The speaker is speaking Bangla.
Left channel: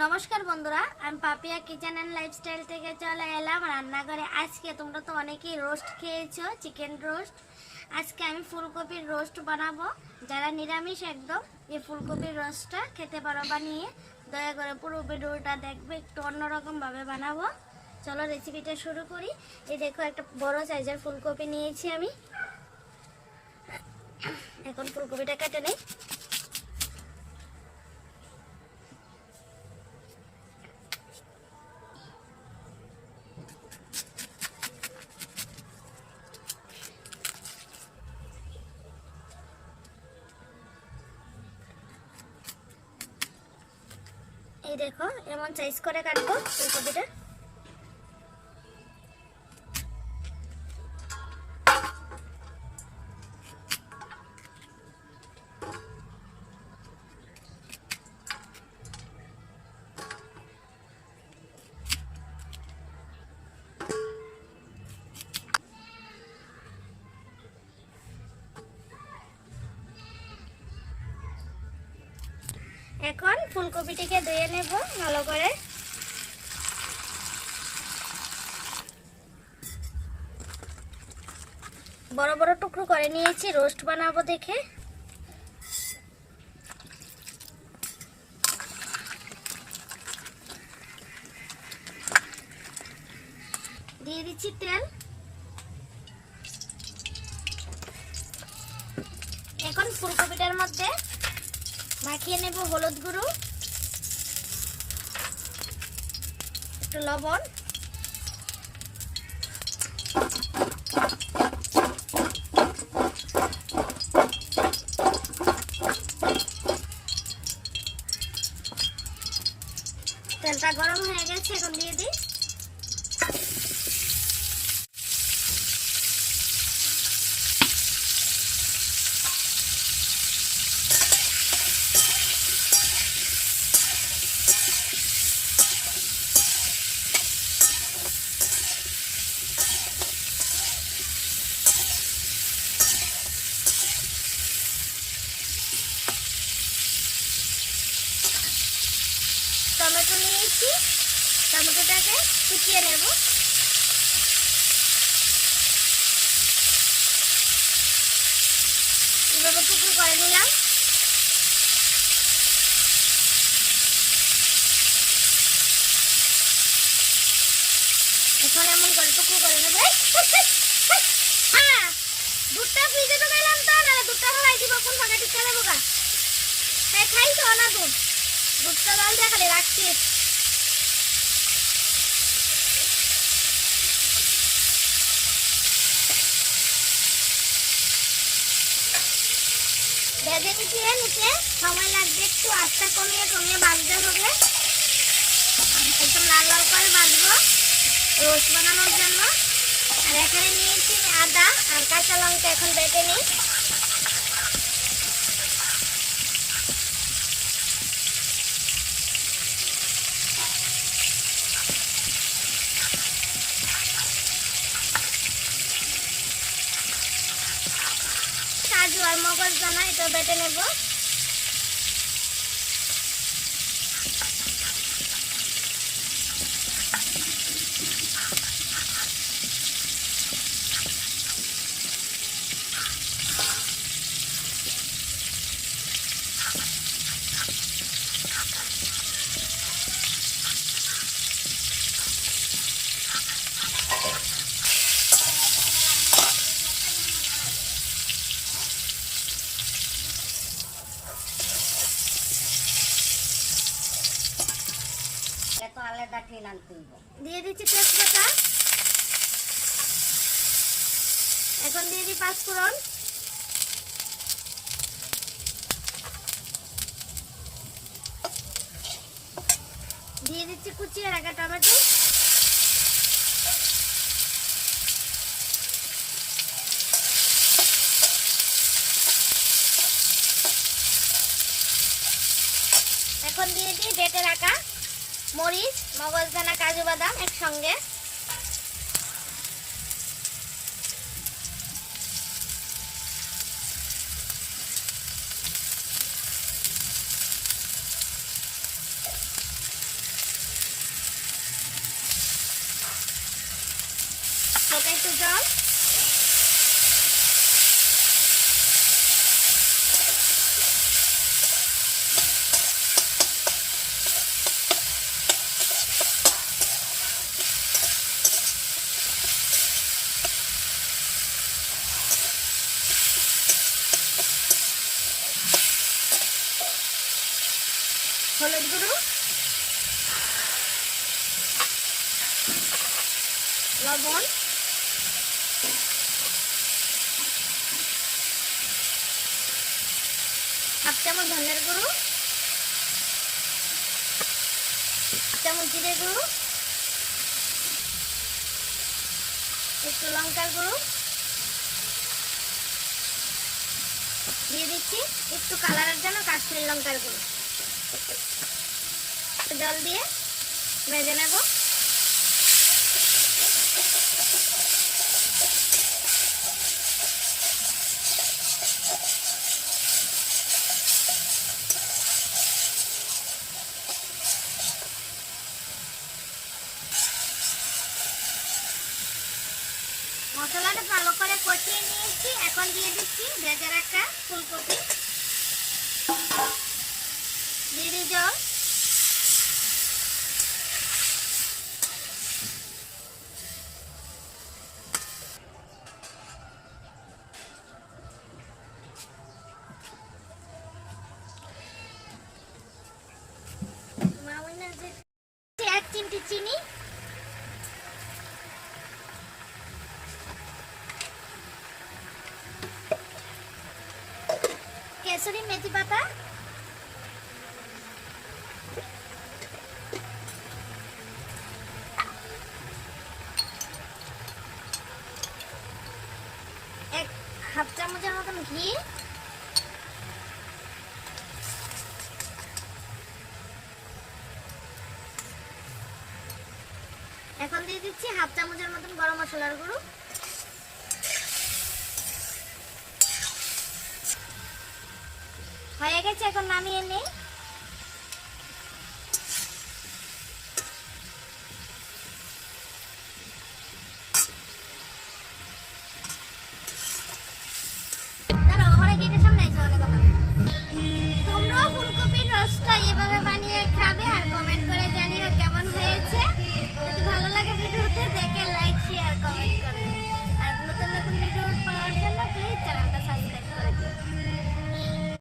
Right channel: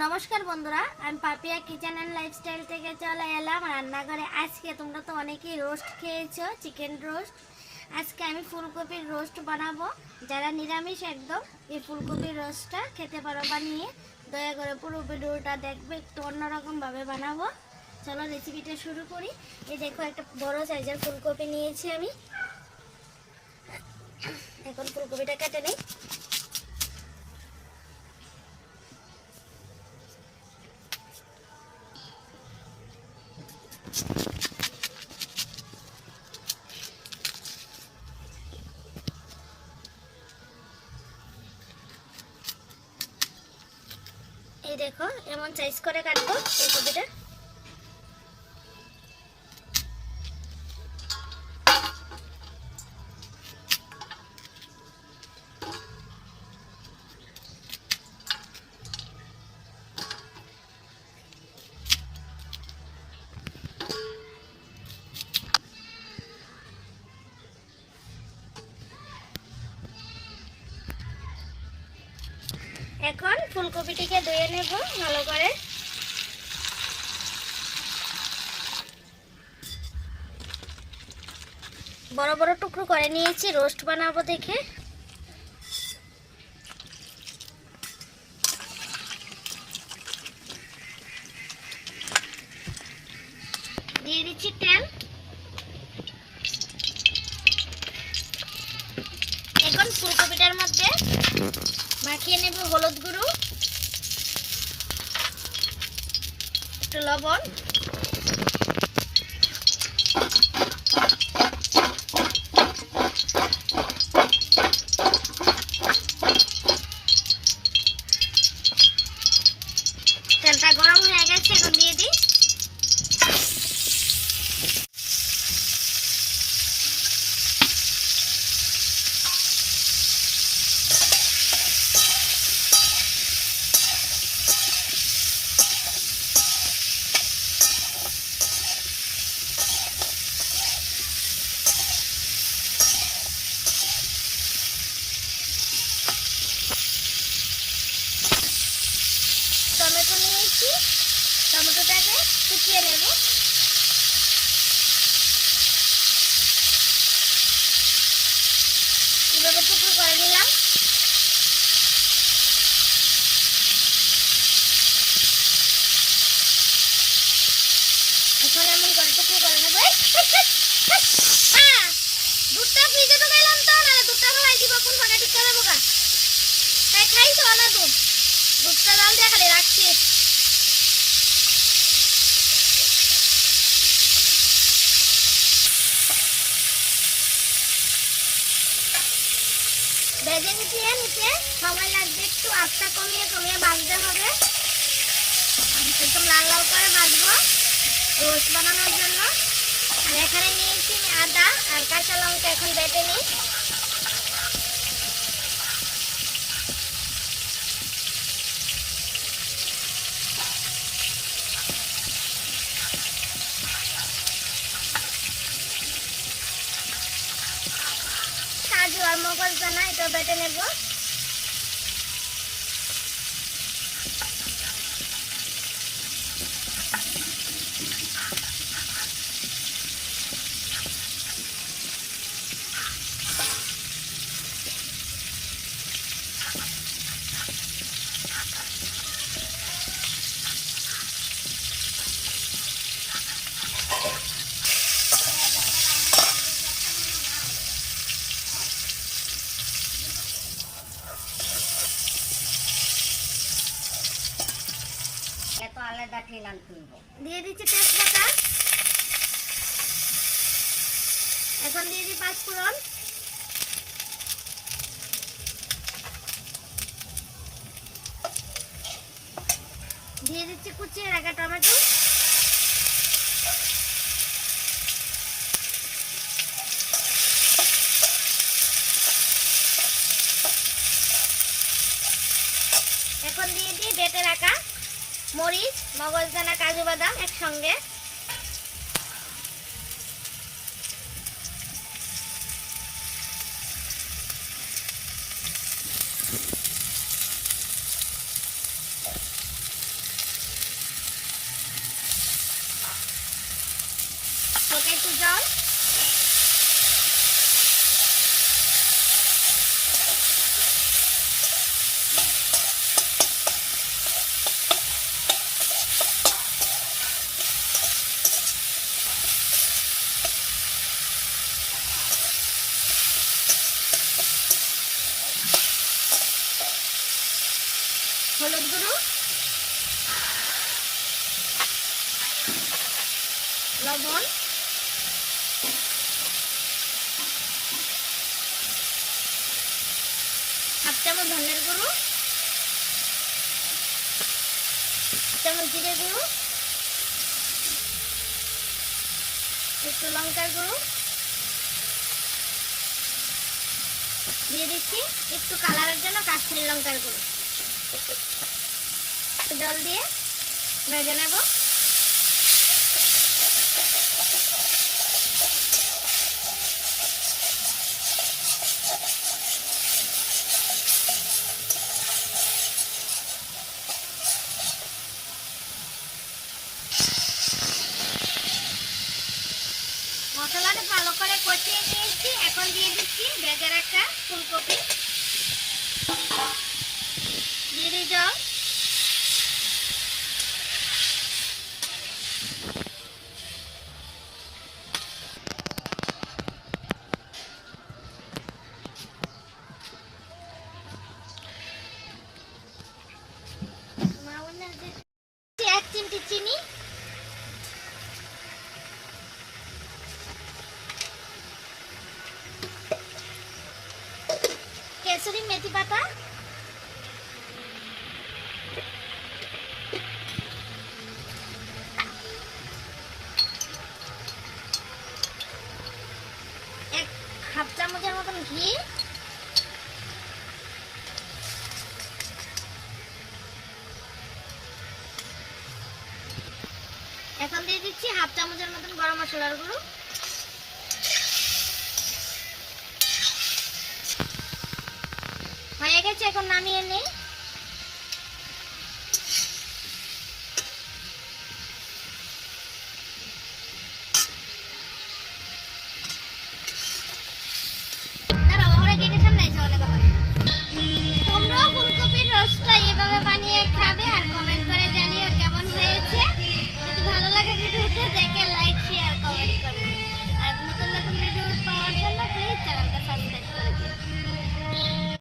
নমস্কার বন্ধুরা, আমি পাপিয়া কিচেন অ্যান্ড লাইফস্টাইল থেকে চলে এলাম রান্নাঘরে। আজকে তোমরা তো অনেকেই রোস্ট খেয়েছো চিকেন রোস্ট আজকে আমি ফুলকপির রোস্ট বানাবো। যারা নিরামিষ একদম, এই ফুলকপির রোস্টটা খেতে পারো বানিয়ে। দয়া করে পুরো ভিডিওটা দেখবে, একটু অন্যরকমভাবে বানাবো। চলো রেসিপিটা শুরু করি। এই দেখো, একটা বড় সাইজের ফুলকপি নিয়েছি আমি। এখন ফুলকপিটা কেটে নিই। এই দেখো এমন সাইজ করে কাটবো এই কপিটা। এখন ফুলকপিটিকে ধুয়ে নেব ভালো করে। বড় বড় টুকরো করে নিয়েছি, রোস্ট বানাবো দেখে। দিয়ে দিচ্ছি তেল। এখন ফুলকপিটার মধ্যে মাখিয়ে নেব হলুদ গুঁড়ো একটু লবণ। তেলটা গরম হয়ে গেছে এখন দিয়ে দিই। টমেটো নিয়েছি। টমেটোটাকে কুচিয়ে নেব। এভাবে টুকরো করে নিলাম। এখন এমন করে টুকরো করে নেব! দুধটা ফ্রিজে তো তো দিব দেবো গা? তাই খাইছো না দুধ। দুধটা ডাল দিয়ে খালি রাখছি। ভেজে নিচে নিচে। সময় লাগবে একটু আস্তা কমিয়ে কমিয়ে ভাজতে হবে। একদম লাল লাল করে ভাজবো রোস্ট বানানোর জন্য। আর এখানে নিয়েছি আদা আর কাঁচা লঙ্কা এখন বেটে নিই কাজু আর মগজ দানা এটা বেটে নেব। আলাদা দিয়ে দিচ্ছি তেজপাতা। এখন দিয়ে দিই পাঁচফোড়ন দিয়ে দিচ্ছি কুচিয়ে রাখা টমেটো। এখন দিয়ে দিই বেটে রাখা। মরিচ মগজদানা কাজু বাদাম একসঙ্গে জল হলুদ গুঁড়ো লবণ। হাফ চামচ ধনের গুঁড়ো। চামচ জিরে গুঁড়ো। একটু লঙ্কার গুঁড়ো। দিয়ে দিচ্ছি একটু কালারের জন্য কাশ্মীর লঙ্কার গুঁড়ো। জল দিয়ে ভেজে নেব। মশলাটা ভালো করে কষিয়ে নিয়েছি এখন দিয়ে দিচ্ছি ভেজে রাখা ফুলকপি দিয়ে দিই জল এক চিমটি চিনি। কেসরি মেথি পাতা এক হাফ চামচের মতন ঘি এখন দিয়ে দিচ্ছি হাফ চামচের মতন গরম মশলার গুঁড়ো। হয়ে গেছে এখন নামিয়ে নেই।